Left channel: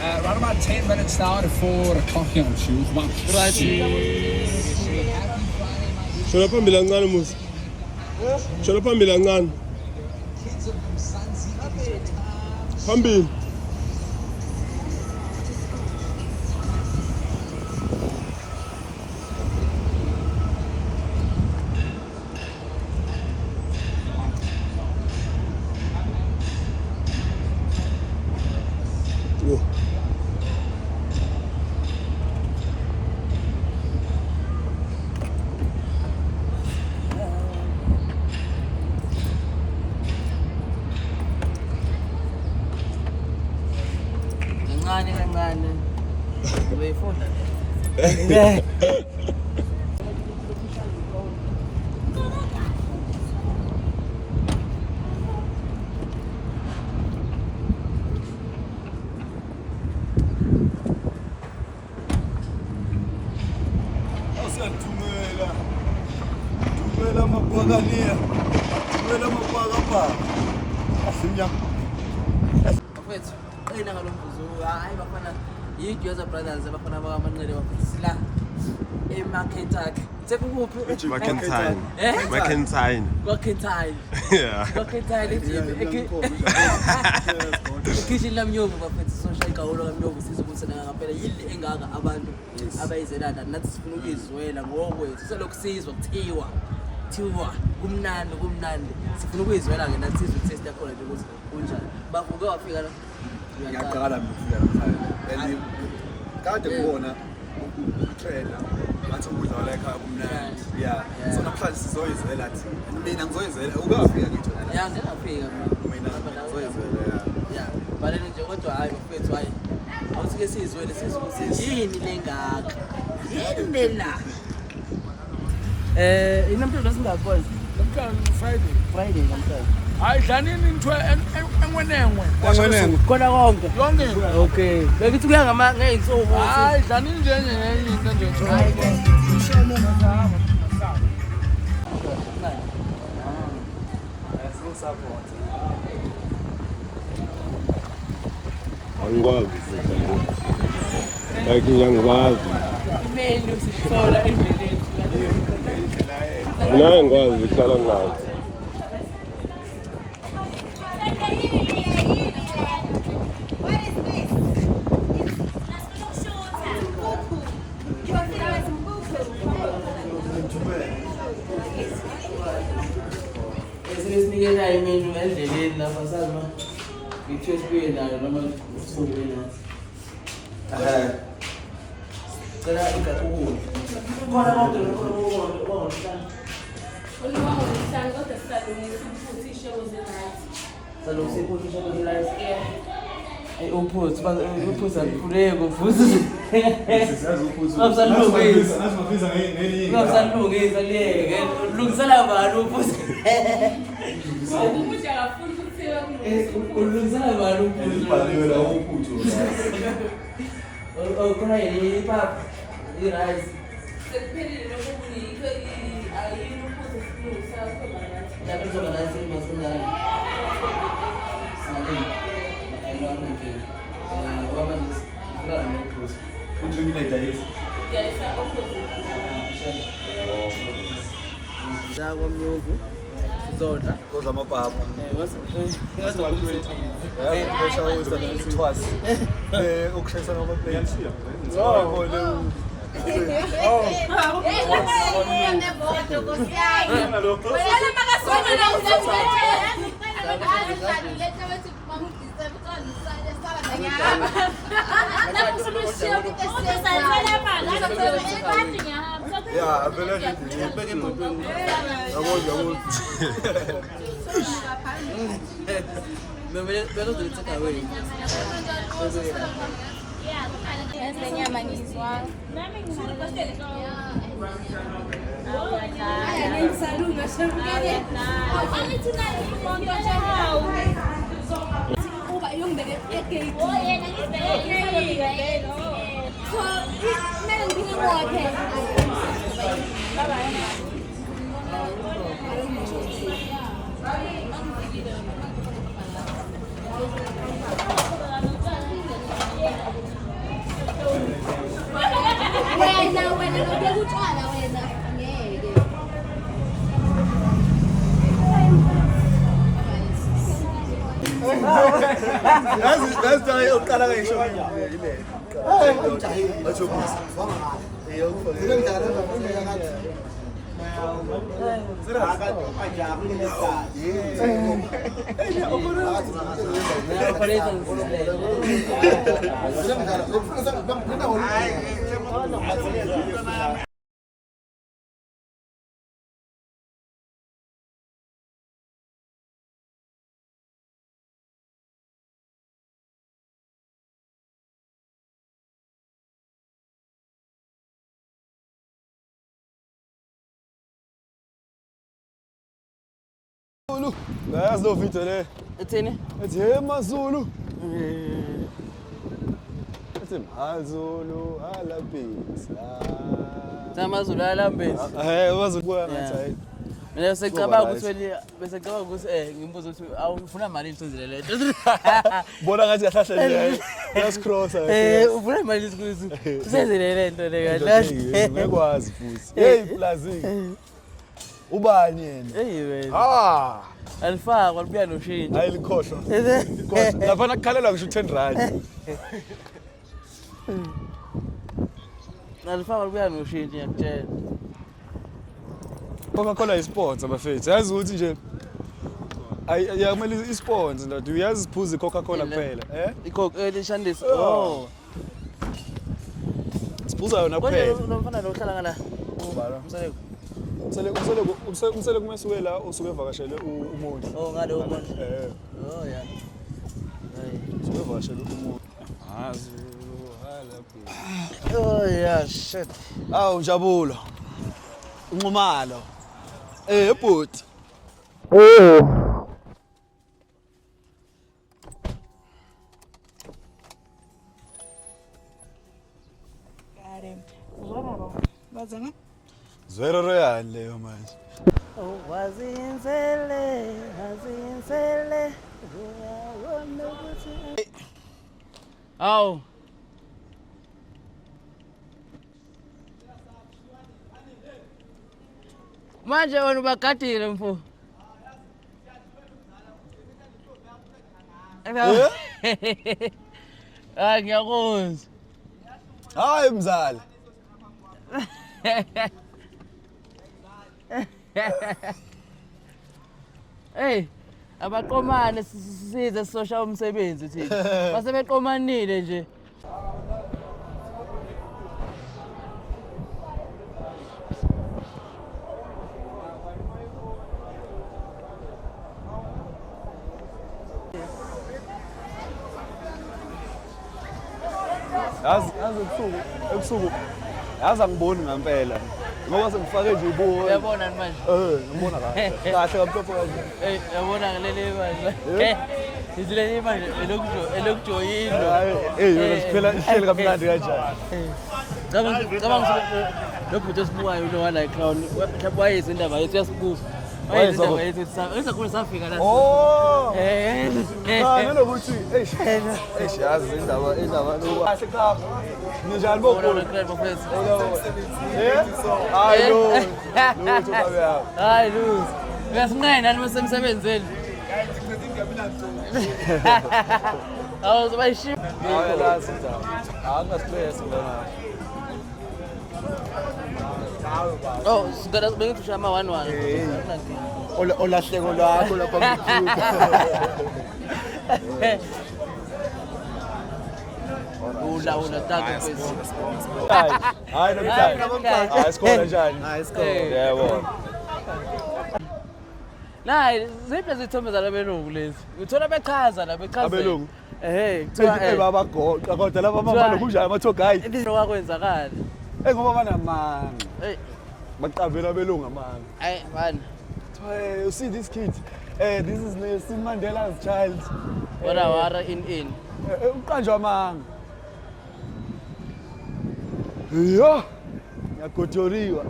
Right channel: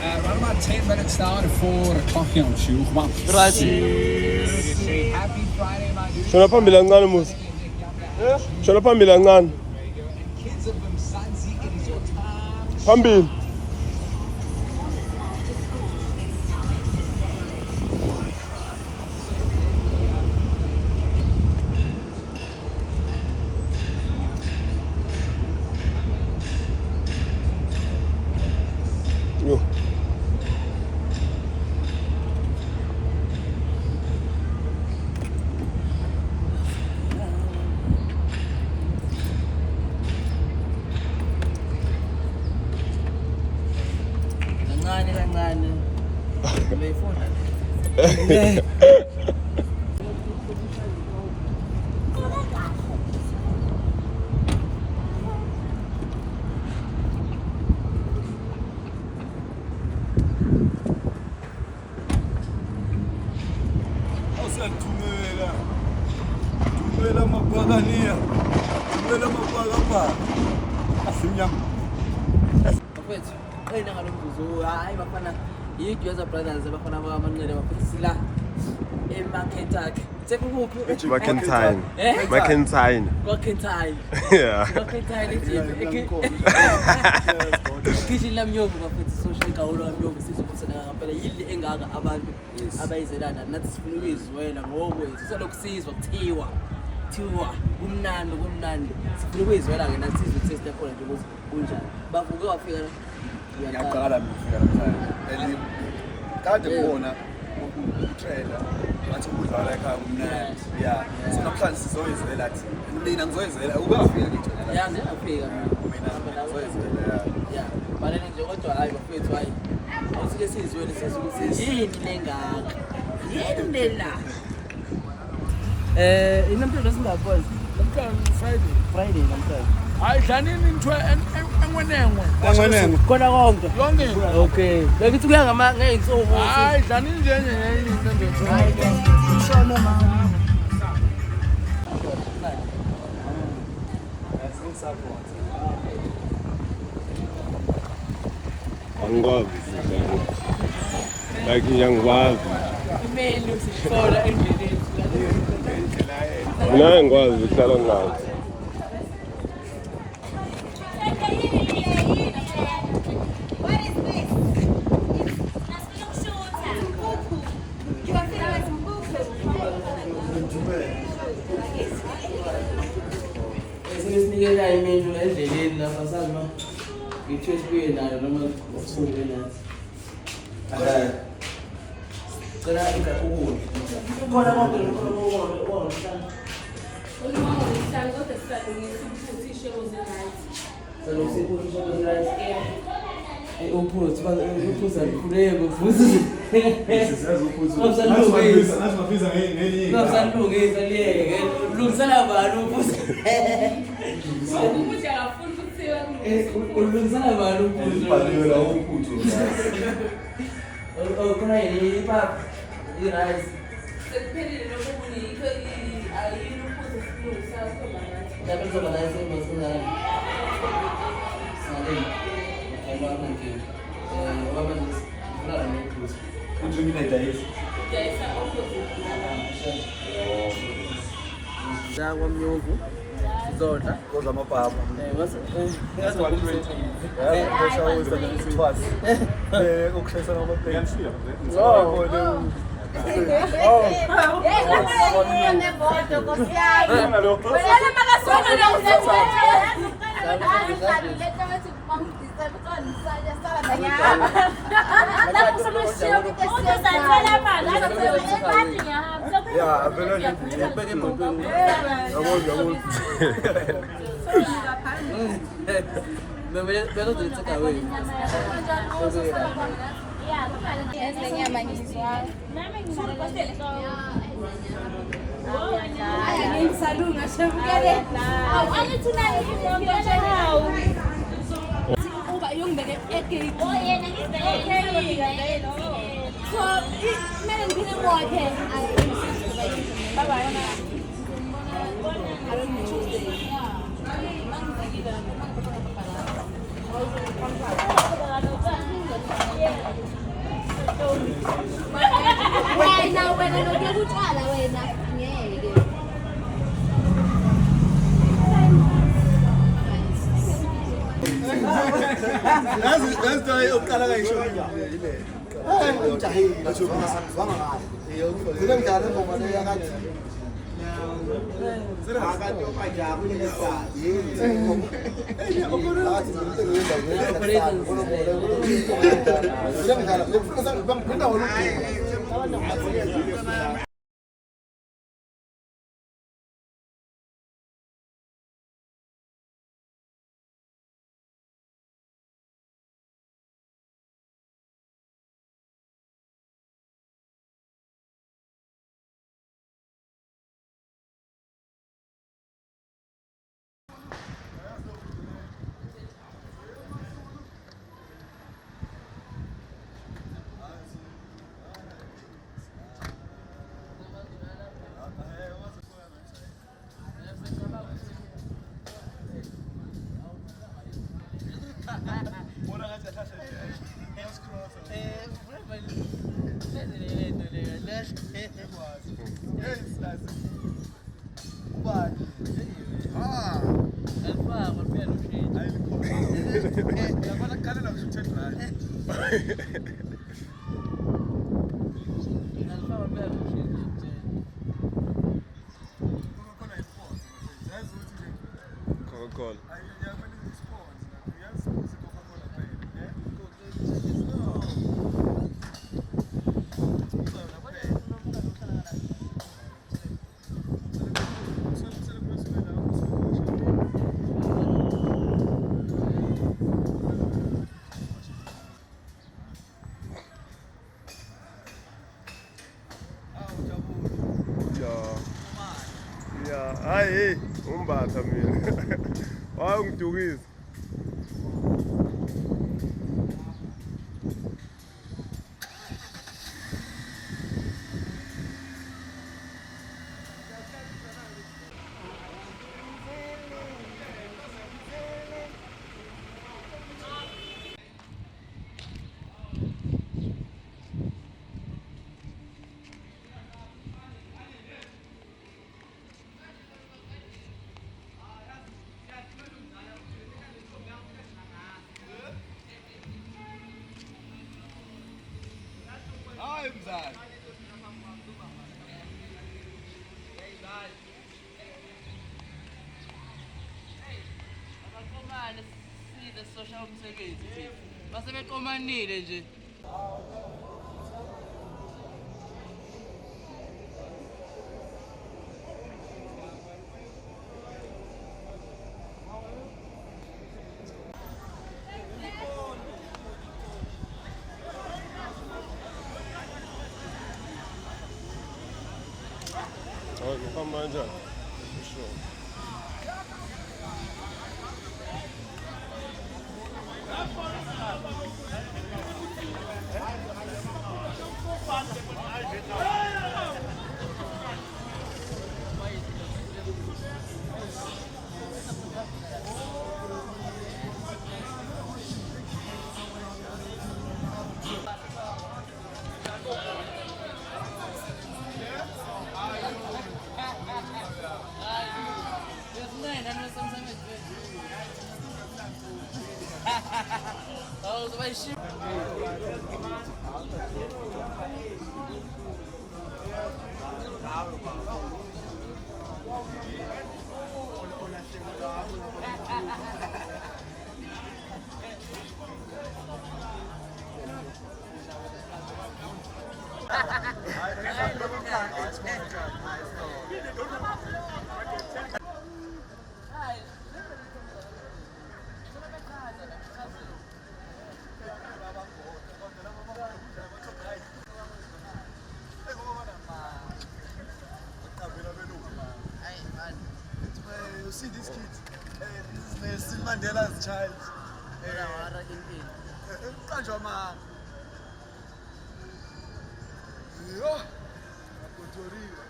Around about 10 minutes now to 4 o'clock here on Shoe. Right. Shona phambili kancane musa. Shona phambili kancane. Phambili. Yo. Kancane. Beyifunda. Thumela mabhakaniya. Thumela mabhakabhaka. Asinyama. Bafethu, qina ngalombuzo. Hayi bafana yiGyoza Brothers abafana bakaManqele bafethu sila eMarketake. Sekuphi? McIntyre. McIntyre. Yeah. McIntyre kitchen lamnyovu bafethu social gawulo lamnyovu sizokusena ngaphela yile engaka abantu abayizelanda nathi sifuna ukuyizwela ngokwethu selokusizwa kuthiwa kumnandi sifuna ukuyizwela ke nathi sizwe taste yakhona nje ukuthi kunjani bavuke wafika la Ngiyaqala ngifika namhlanje. Kade ngibona utrader bathi ukudla la ekhaya kumnandi. Yeah. So namhlanje sizoyizwela athi. Mina ngizoyizwela ukafika ngithi la. ya ngiyafika Mina ngizoyizwela. ya baleni nje kodwa hayi bafethu hayi ngosike sizwele ukuthi yini lengaka yini la inamhlanje singaphozi Friday namhlanje Hayi dlanini ngithiwe engwenengwe. khona konke Yonke. okay bekithi kuya ngeyinsuku Hayi dlanini nje ngenye into nje. hayi ke Angikwazi. Like ngiyangikwazi. imeli usifola endleleni Mina ngikwazi ukuhlala ngazi. esinikela imeli endleleni lapha salma ngithe sibuye nayo noma sibuye nathi cela ingakukudla khona konke lokho uphuthi alikhuleko futhi ungasalungisa liyeke ulungisela bani uphuthi ulungisela bani uphuthi khona yini ipapa irice kwamnyovu sizodla Koza amapapa. Ukushayisana ngamaplates. Yeah, vele nje ibeke emotweni. Yabo. Better do it away. Nyama ngizwa. Uba yongibeke egate. Oh yena ngibeke egate. Kumele Wena nokuyeka utshwala wena ngeke. That's the yokuqala kayisho yile. Yazi lo video le. Ethini? Ethi hey Mazulu. Ethi Mazulu alabisa. Samazulu alambezi. Hey Mazulu kuya ngathi hayi. Mina secabanga ukuthi bese cabanga ukuthi ngimbuza ukuthi awufuna imali isizile lento. Bona ngathi kahlahla nje. Uyascrossa. Ufuna imali isizile. Senzele lento le kahle. Ngekwazi futhi. Hey Plazi. Ubani yena? Hey wena. Alifakwa libuya noshintsho. Ayilikhohlwa. Lapha nakukhalela ngisho 10 rand. Alifakwa libuya noshintsho ngiyakutshela. Coca-Cola isponsor bafethu. Yazi ukuthi nje Ayamele isponsor ndoda. Uyazi siphuza iCoca-Cola kuphela, iCoke lishandisi. Oh. Siphuza yona kuphela. Kodwa lo mfana lo uhlala ngala. Umsaleko. Umsele kumesuke la usuke evakashela umuntu. Oh ngalo ubona. Oh ya. Usuke evakashela umuntu. Oh yeah shit. Awu Jabulo. Unqumalo. Ebhuti. Umbatha mina. Hayi ngidukise. Zero royal leyo manje. Wazinzele. Aw. Manje wena ubagadile mfo. Ngiyakuzwa. Hayi mzali. Hey, abaqomane size sisosha umsebenzi thina. Base beqomanile nje. Yazi ebusuku yazi angiboni ngempela. Ngoba sengifake nje ubuho. Uyabona manje? Ngibona kahle. Kahle kamhlophe kanje. Yabona leli manje. Izile manje elokujoyina. Yona siphela ihleli kamnandi kanjani. Cabanga lokho esibukayo lo wala icrown. Mhlawumbe wayezi indaba yethu yasibuka. Wayezi indaba yethu esakhona safika la. Oh. Nanokuthi yazi indaba lo. Kahle cha. Ninjani bokhulu? Hayi lo. Lutho babe yabo. Hayi Lutho. Uyasinqena nani masemsebenzweni? Awu bayishiya. Hayi la sinda. Anga stress ngona. Oh, sigada bengithi ama 11. Olahleko lakho lapha ngithuka. Ula taka bese. Hayi nomhlanje. Hayi sikhona njani? Hayi sikhona. Yebo. Nayi, ziphe izithombe zalabelungu lezi. Uthola bechaza la bechaza. Abelungu. Kuthiwa baba goqa kodwa laba mama kunjani ama-tour guide. into kwakwenzakala. Ngoba banamanga. Hey, Baqavela abelungu amanga. hey man. You see this kid? This is Nelson Mandela's child. Wara in. Uqanjwa amanga. Yo. Ngiyagotoriwa.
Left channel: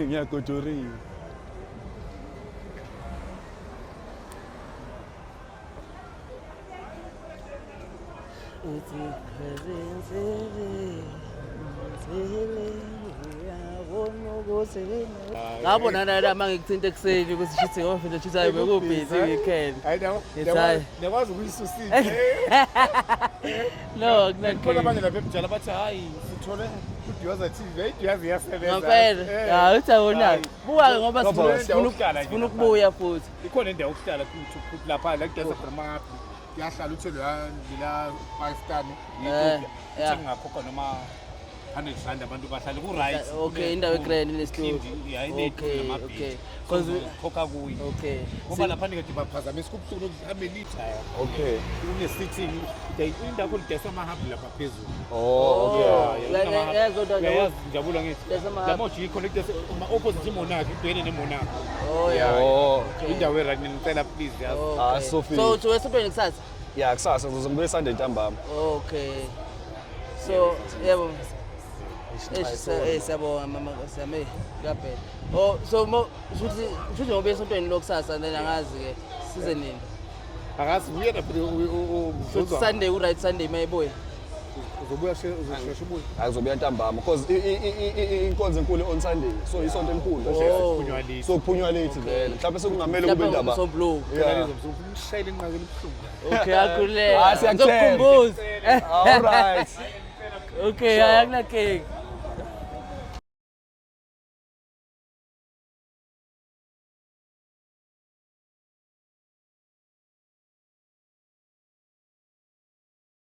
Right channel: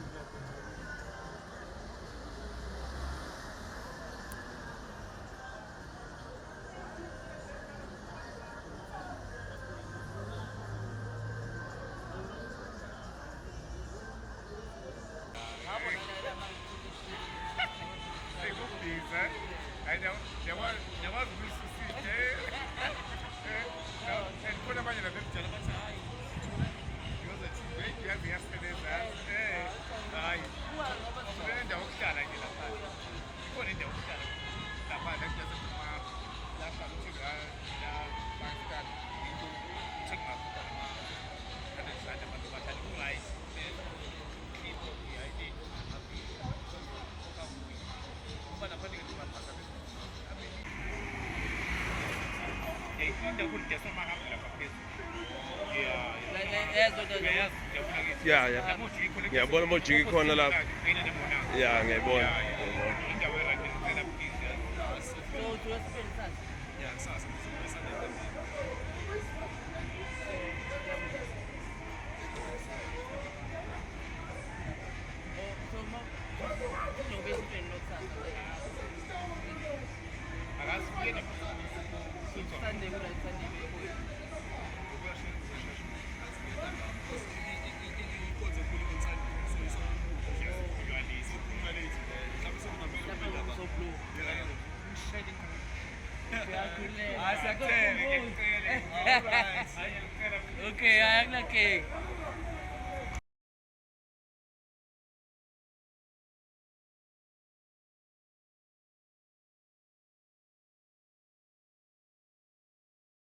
Ngiyagotoriwa. ngabona nala mangikuthinta ekuseni ukuthi shithi ngomfunda shithi hayi bekubhizi weekend Ngiyakwazi ukuyisusa no khona kunakho abanye lapha ebujala bathi hayi sithole idiyoza TV idiyazi iyasebenza ngampela uthi awona buka ngoba sifuna ukubuya futhi ikhona indawo yokuhlala futhi lapha la kudesa khona yahlala uthole ngila Pakistan yeah. ngingakhokha noma 100 rand abantu bahlale ku-right okay indawo egrand inesitulo okay cause khokha kuyo okay ngoba lapha ndikade baphazamisa ukubuhlungu amelitha Okay. une-sitting indawo lidesa amahabhu lapha phezulu yeah ngijabula ngithi la mojiko Ngiyabona amajiki khona la. ubhene nemonako Oh. indawo erayini ngicela please yazi Sophie. so uthi wesopeni kusasa Yeah, kusasa ngizobuya Sunday ntambama. okay so yebo siyabonga mama siyame kuyaphela oh so futhi ngoba esontweni lokusasa then angazi-ke size nini akazi uye lapho futhi Sunday u-right Sunday mayibuye uzobuya uzosheshe ubuye Akuzobuya ntambama because inkonzo enkulu on Sunday. So isonto elikhulu. kunywaniswa So phunywa late vele. Mhlawumbe sekungamele kube lapho indaba. so blue Yeah. umshayeli inqakela ubuhlungu okay akhululeka Ah, siyakuthemba. ngizokukhumbuza All right. okay hayi akunankinga